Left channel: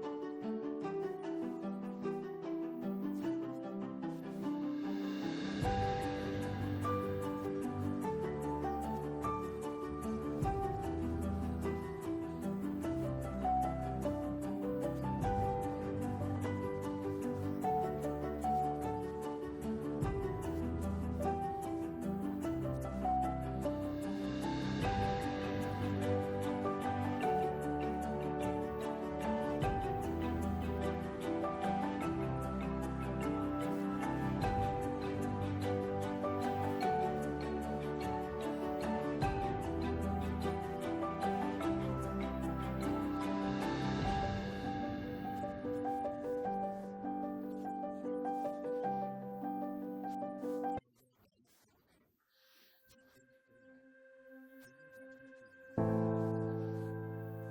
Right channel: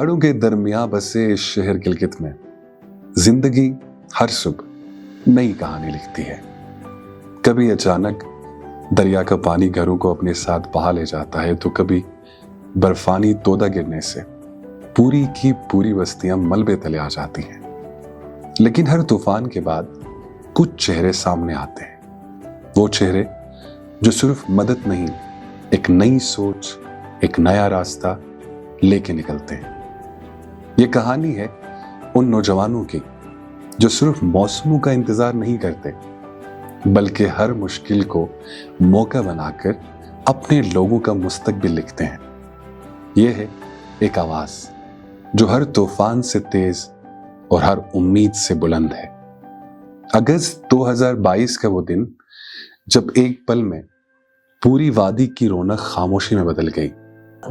पहाड़ों के दरमियां बसे इस शहर गिलगित में जिंदगी हर सुबह नई कहानी लिखती है। कभी अचानक दरिया का पानी घरों को अपने साथ बहा ले जाता है, तो कभी बर्फानी तोदा गिरने से पूरी की पूरी बस्तियां मलबे तले आ जाती हैं। लेकिन हर तूफान के बाद कुछ चेहरे सामने आते हैं, वो चेहरे जो सिर्फ मदद नहीं, एक नई सोच, एक नया रास्ता लेके निकलते हैं। ये कहानी है उन नौजवानों की जो सिर्फ मौसमों का इंतजार नहीं करते, बल्कि हर मुश्किल को मौका बनाकर अपने लोगों का मुस्तकबिल लिखते हैं। ये है एक आवाज जो हर तूफान से तेज और हर उम्मीद से बुलंद है। अगस्त 2022 का वो दिन जब एक पल में पूरी वादी की रौनक खामोशी में बदल गई।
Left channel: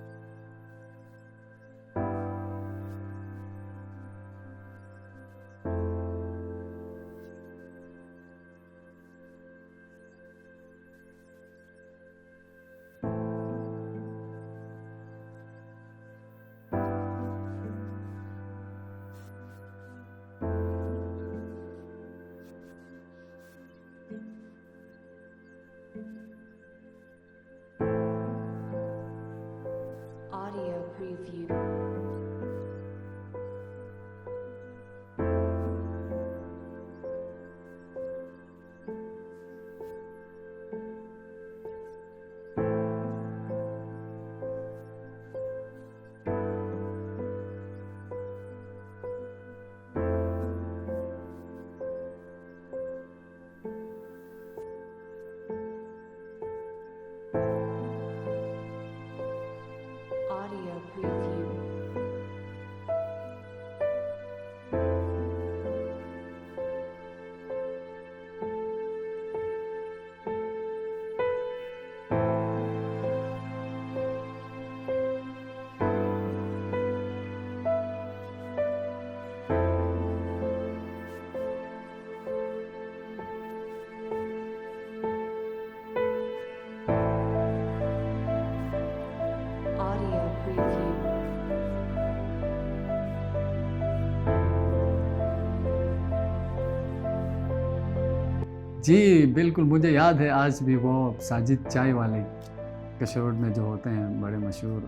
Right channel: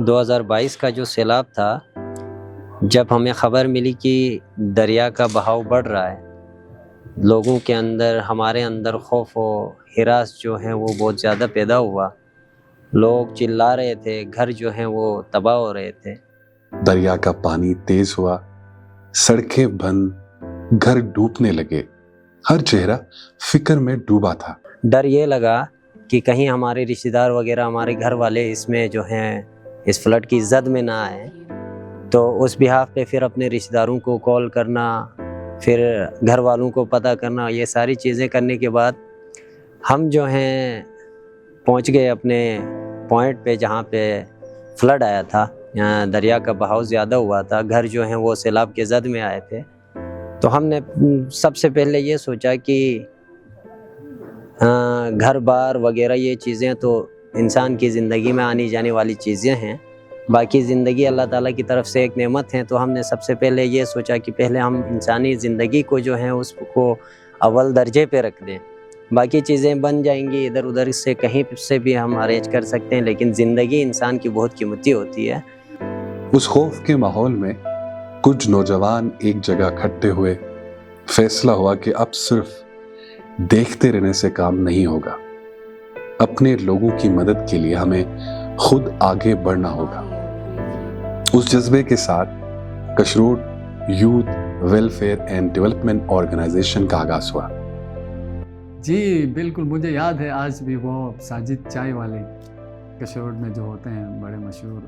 2022 का जो सैलाब था, जब हमें खबर मिली कि दरिया का बहाव बढ़ रहा है, लोगों के अंदर, हमारे अंदर खौफ और हिरास जो है वो बहुत ज़्यादा पैदा हुआ। लोग चिल्ला रहे थे, घर जो हैं वो तबाह हो रहे थे। दरिया का पानी तेज हुआ, सड़कें बंद, घर डूबने लगे, हर चेहरा फिक्र में डूबा था। डर ये लगा कि कहीं हमारे रिश्तेदार वगैरह, हमारे घर वाले इसमें जो हैं इस फ्लड की जद में ना आए। तो उस बिहाफ पे फिर अपने रिश्तेदारों को कॉल करना, फिर घर वालों को पता करना, ये सारी चीज़ें करने के बाद हम जो हैं पहुंच गए अपने पॉइंट पे जहाँ पे फ्लड आया था। दरिया का बहाव ज़्यादा हुआ था, घर जो हैं वो सैलाब के जद में आए थे। तो हमने सबसे पहले ये सोचा कि घर बार वगैरह ये चीज़ें तो इंसान की ज़िंदगी में आनी जाने वाली चीज़ें हैं, बाकी ज़िंदगी अल्लाह ताला की तरफ से एक नेमत है। तो हमने सबसे पहले ये सोचा कि पहले हम इंसानी ज़िंदगी को जो है उसको अव्वल दर्जे पे रख दें। बाकी चीज़ें बन जाएंगी, इधर उधर से कहीं से भी हम अरेंज कर सकते हैं, लेकिन ज़िंदगी इंसान की बहुत कीमती होती है। उस खौफ के माहौल में कुछ नौजवान एक जगह इकट्ठे हुए। फैसला हुआ कि अब सिर्फ देखते रहने से काम नहीं होगा, अपने लोगों की मदद के लिए हमें खुद आगे बढ़ना होगा। उस जज्बे के साथ Kashrod youth welfare and development organisation का आगाज हुआ। जी बिल्कुल, मुझे याद है आज भी वो साजिद चाय वाले कशरोड में जो होते हैं बड़े मशहूर,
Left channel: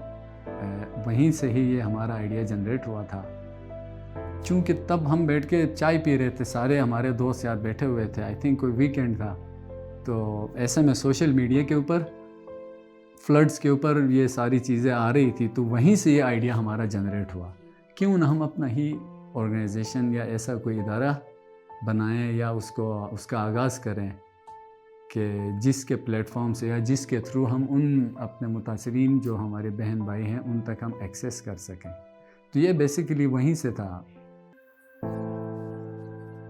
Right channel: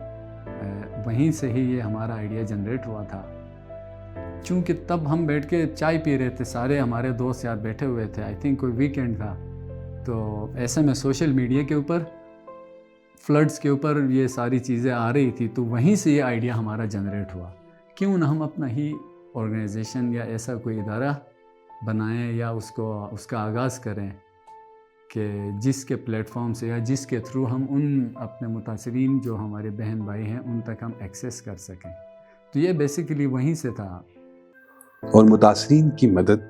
वहीं से ही ये हमारा आइडिया जनरेट हुआ था। चूँकि तब हम बैठ के चाय पी रहे थे, सारे हमारे दोस्त यार बैठे हुए थे, आई थिंक कोई वीकेंड था। तो ऐसे में सोशल मीडिया के ऊपर फ्लड्स के ऊपर ये सारी चीज़ें आ रही थी, तो वहीं से ये आइडिया हमारा जनरेट हुआ। क्यों ना हम अपना ही ऑर्गेनाइजेशन या ऐसा कोई इदारा बनाएं या उसका आगाज़ करें कि जिसके प्लेटफॉर्म से या जिसके थ्रू हम उन अपने मुतासरीन जो हमारे बहन भाई हैं उन तक हम एक्सेस कर सकें। तो ये बेसिकली वहीं से था। और मुतासरीन की मदद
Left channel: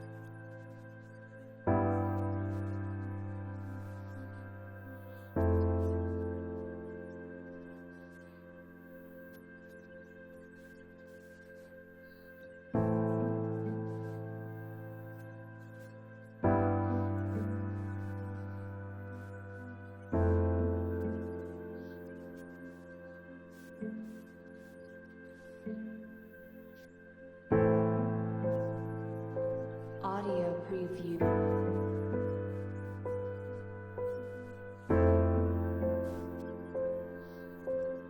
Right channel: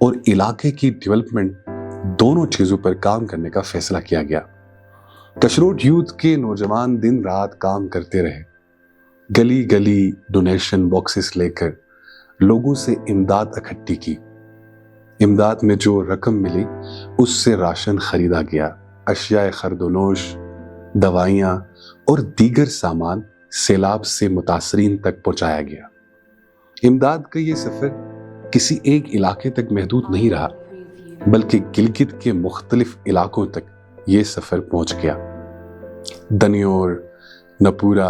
और इलाके की डेवलपमेंट दोनों चीज़ों पर काम करने का फैसला किया गया। कशरोड यूथ के नौजवान दिन रात काम करते रहे, गली गली डोनेशन बॉक्सेस लेकर लोगों से इमदाद इकट्ठी की। इमदाद में जो रकम मिली उससे राशन खरीदा गया, अशियाए खर्दोनोश, दवाइयाँ और दीगर सामान सैलाब से मुतासरीन तक पहुँचाया गया। इमदाद का ये सफ़र किसी एक इलाके तक महदूद नहीं रहा, बल्कि गिलगित के मुख्तलिफ इलाकों तक ये सफ़र पहुँच गया। दनियोर, नपूरा,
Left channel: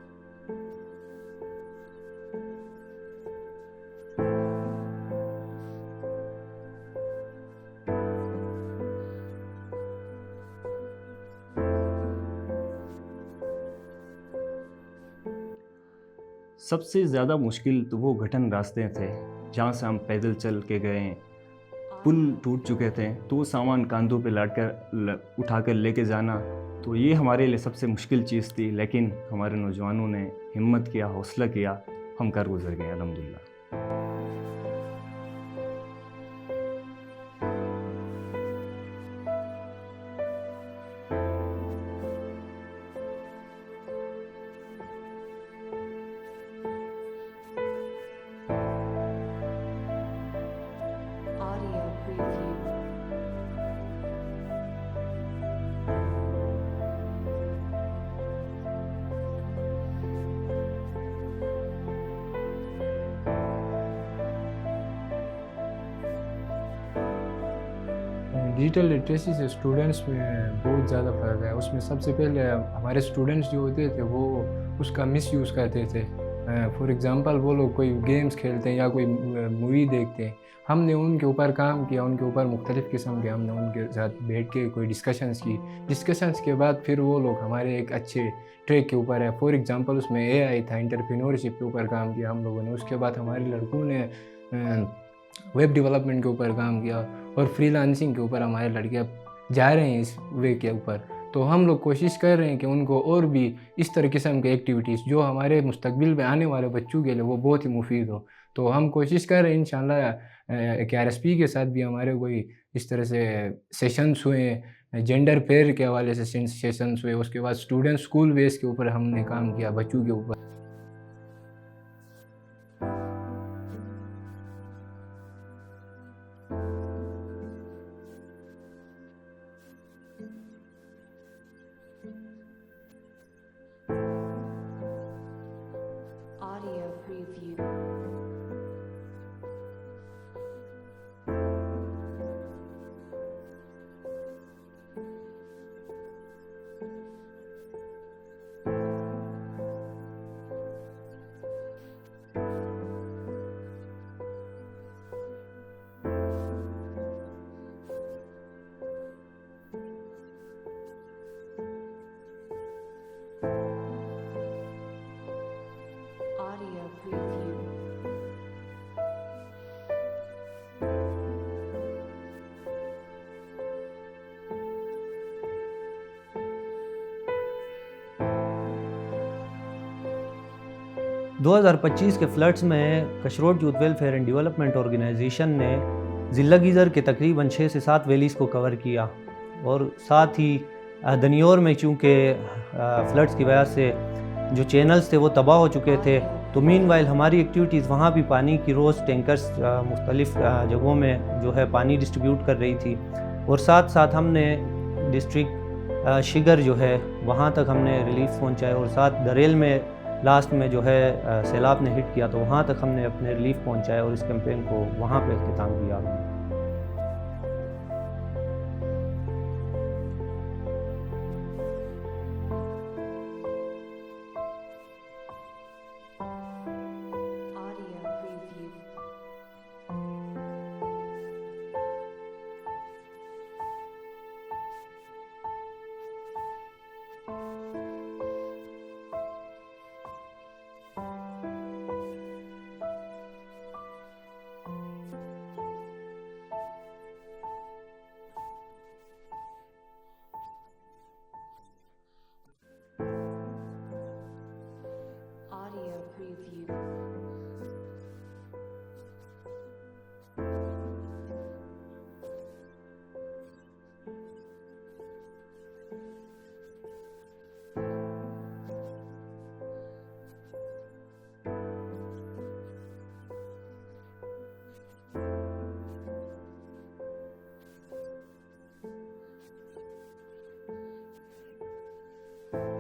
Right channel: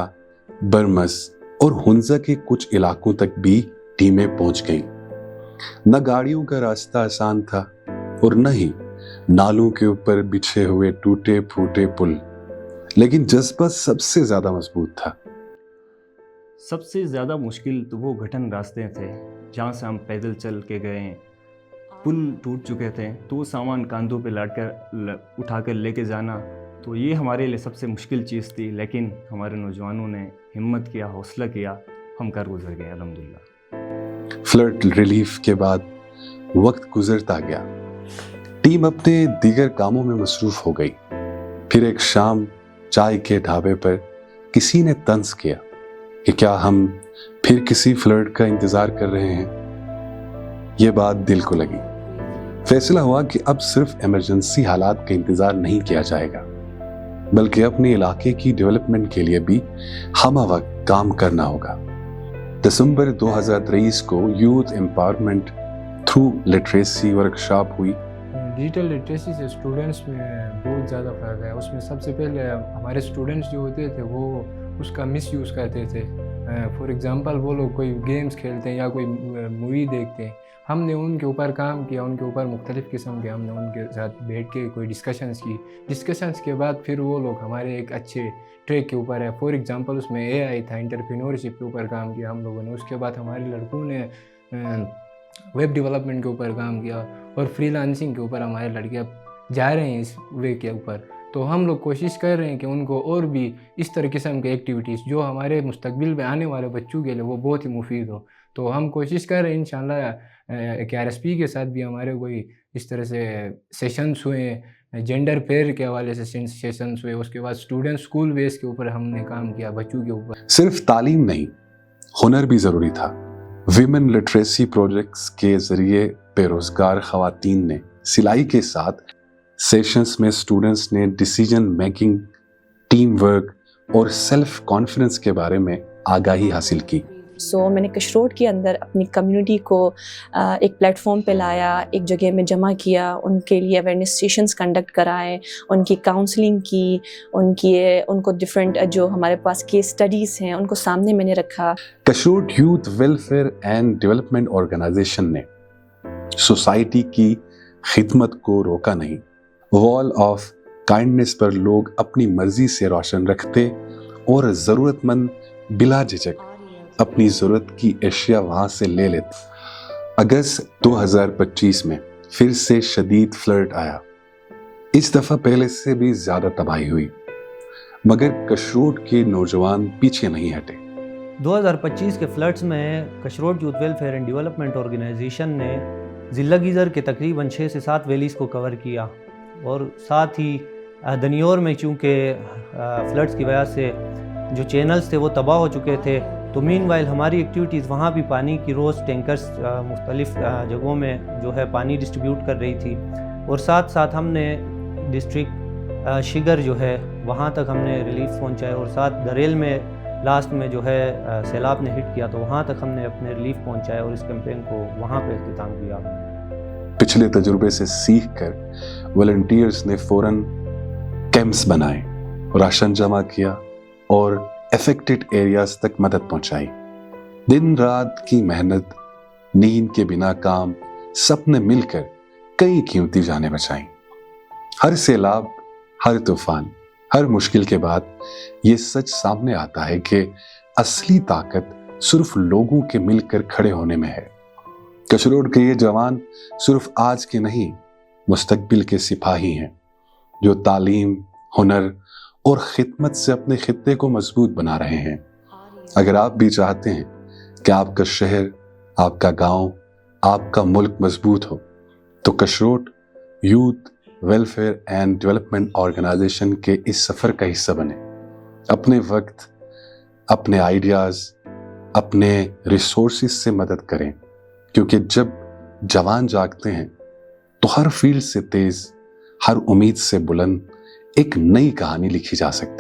बरमस और हुंजा के कुछ इलाकों तक भी टीमें पहुँच गईं। न गाड़ियों का रास्ता आसान था और न ही नालों के ऊपर बिछे हुए टूटे फूटे पुल, लेकिन जज्बा सबसे ज़्यादा मजबूत था। सबसे ज़्यादा मुश्किल तो वो घटन रास्ते थे जहाँ से हम पैदल चल के गए। पुल टूट चुके थे, तो वो सामान कांधों पे लाद कर उठा कर लेके जाना, तो ये हमारे लिए सबसे मुश्किल चीज़ थी। लेकिन हमारे नौजवानों ने हिम्मत किया, हौसला किया, हम कर गुजर गए अल्हम्दुलिल्लाह। फ्लड रिलीफ के बाद वक्त गुजरता गया, टीम अपने दीगर कामों में मसरूफ़ हो गई। फिर एक शाम चाय के ढाबे पर किसी ने तंज किया कि क्या हम फिर किसी फ्लड का इंतज़ार कर रहे हैं। ये बात दिल को लगी। फैसला हुआ कि अब सिर्फ इमरजेंसी हालात का इंतज़ार नहीं किया जाएगा, बल्कि अपने इलाके की डेवलपमेंट के लिए भी हम वक्त काम करना होगा। दिसंबर 2023 को youth empowerment through literacy workshop हुई। डिजिटल लिटरेसी से स्टूडेंट्स में बहुत ज़्यादा फ़र्क है। उसमें सबसे पहले हमारे स्टूडेंट्स जो होते थे वो उसका मिस यूज़ करते थे। फॉर एग्ज़ाम्पल वो लोग कोई गेम्स खेलते हैं या कोई मूवी देखते हैं, हमने उनके ऊपर काम किया, उनके ऊपर मुख्तलिफ़ किस्म के हमने उनके साथ बैठ के कोई डिस्कशंस के बाद फिर वो लोग हमारे एक अच्छे ट्रैक के ऊपर है। फॉर एग्ज़ाम्पल उसमें AI था, एंटरप्रेन्योरशिप के ऊपर काम किया हम लोगों ने। उसके बाद हमारे लड़कों ने वेब डेवलपमेंट के ऊपर काम किया और फ्रीलांसिंग के ऊपर हमारे लड़के अब जा रहे हैं इस वे के ऊपर। तो हम लोग कोशिश कर रहे हैं कि उनको और भी इस तरह किस्म के एक्टिविटीज़ जो हमारे मुस्तकबिल में आने वाले बच्चों के लिए वो बहुत ही मुफीद हो। तो हम कोशिश कर रहे हैं इंशाल्लाह कि RSP के साथ भी हमारे कोई इस तरह से सेशंस हुए, जेंडर पेयर के हवाले से सेशंस हुए। उसके बाद स्टूडेंट स्कूल बेस के ऊपर हमने काम किया बच्चों के ऊपर। सिर्फ तालीम नहीं, हुनर भी ज़रूरी था। विमेन लिटरेसी प्रोजेक्ट्स के ज़रिए बेरोज़गार ख़वातीन ने सिलाई के साथ सेशंस में स्टूडेंट्स ने डिसीजन मेकिंग, टीम वर्क और सेल्फ कॉन्फिडेंस के बारे में आगाही हासिल की। मैंने कशरोड के अंदर अपनी कम्युनिटी को एक प्लेटफॉर्म पे लाया, एक जगह में जमा किया, उनके लिए अवेयरनेस सेशंस कंडक्ट कराए, उनकी काउंसलिंग की, उनको डिफरेंट जो हमारे पास केस स्टडीज़ हैं उनको सामने मैंने रखा। Kashrod youth welfare and development organisation ने सोसाइटी की खिदमत को रोका नहीं। वॉल ऑफ काइंडनेस पर लोग अपनी मर्जी से रोशन रखते और ज़रूरतमंद बिला झिझक अपनी ज़रूरत की अशिया वहाँ से ले लेते। अगस्त 2025 में फिर से शदीद फ्लड आया। इस दफ़ा पहले से भी ज़्यादा तबाही हुई, मगर कशरोड के नौजवान पीछे नहीं हटे। 2025 के फ्लड्स में कशरोड youth welfare and development organisation ने ज़िला गीज़र के तकरीबन 6 से 7 वैलीज़ को कवर किया और साथ ही दनियोर में चूँकि फ्लड्स की वजह से जो चैनल्स थे वो तबाह हो चुके थे, तो मीनवाइल हमारी एक्टिविटीज़ वहाँ भी पानी की रोज़ टैंकर्स मुख्तलिफ़ जगहों में जो है पानी डिस्ट्रीब्यूट कर रही थी। और साथ साथ हमने डिस्ट्रिक्ट शिगर जो है वहाँ तक हमने रिलीफ पहुँचाए और साथ दरेल में लास्ट में जो है सैलाब ने हिट किया तो वहाँ तक हमने अपने रिलीफ पहुँचाए और इस कैंपेन को वहाँ पे अख्तिताम किया हमने। पिछले तजुर्बे से सीख कर वॉलंटियर्स ने फ़ौरन कैंप्स बनाए, राशन जमा किया और अफेक्टेड एरियाज तक मदद पहुंचाई। दिन रात की मेहनत, नींद के बिना काम, सबने मिलकर कई कीमती जानें बचाई। हर सैलाब, हर तूफान, हर मुश्किल के बाद ये सच सामने आता है कि असली ताकत सिर्फ लोगों के मिलकर खड़े होने में है। कशरोड के ये जवान सिर्फ आज के नहीं, मुस्तकबिल के सिपाही हैं जो तालीम, हुनर और खिदमत से अपने खित्ते को मजबूत बना रहे हैं। अगर आप भी चाहते हैं कि आपका शहर, आपका गांव, आपका मुल्क मजबूत हो, तो Kashrod youth welfare and development organisation के इस सफ़र का हिस्सा बने। अपने वक्त, अपने आइडियाज़, अपने रिसोर्सेज से मदद करें, क्योंकि जब जवान जागते हैं तो हर फील्ड से तेज़, हर उम्मीद से बुलंद एक नई कहानी लिखी जा सकती है।